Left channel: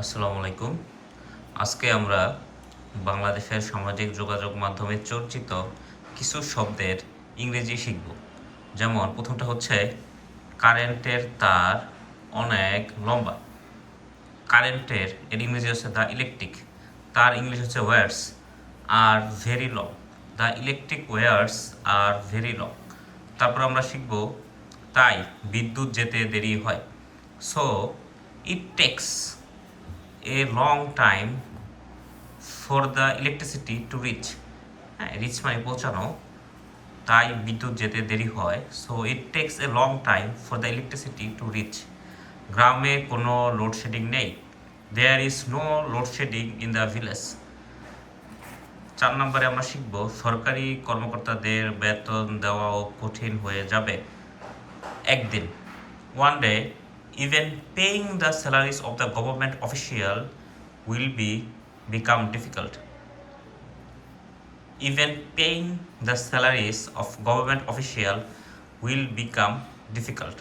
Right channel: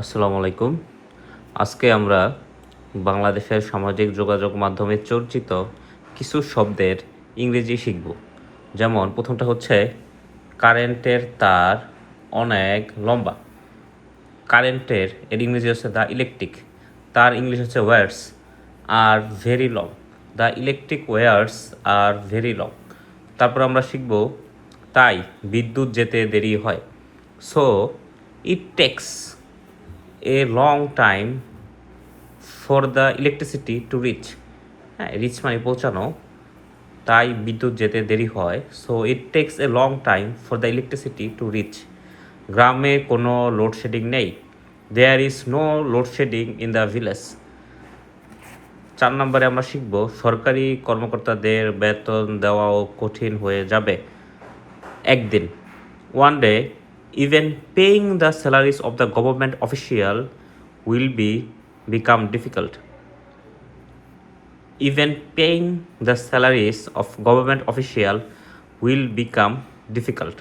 আসসালামু আলাইকুম। আজকে আমরা বাংলাদেশের সামাজিক যোগাযোগ মাধ্যমে চর্চিত কিছু শব্দের ইংরেজি শিখব। যেমন প্রথমটা হচ্ছে কারেন্টের তার অনেক লম্বা। কারেন্টের ইংরেজি হচ্ছে দ্য ইলেকট্রিক, তার ইংলিশ হচ্ছে wires are very long. The electric wires are very long. তারপর আমরা শিখব তাই বিদ্যুৎ যেতে দেরি হয়। So it takes a long time for the electricity to reach. হ্যাঁ, রিচ মানে পৌঁছানো, তাই বিদ্যুৎ যেতে দেরি হয়। So it takes a long time for the electricity to reach. গ্রামে কোনো লোডশেডিং নেই। There is no load shedding in the village. 4 নম্বরে আমরা শিখব সরকারি কর্মকর্তাদের বেতন দেওয়াও কঠিন হয়ে যাবে একদিন। One day even paying the salaries of the government official will become difficult. Even paying the salaries of government official will become difficult.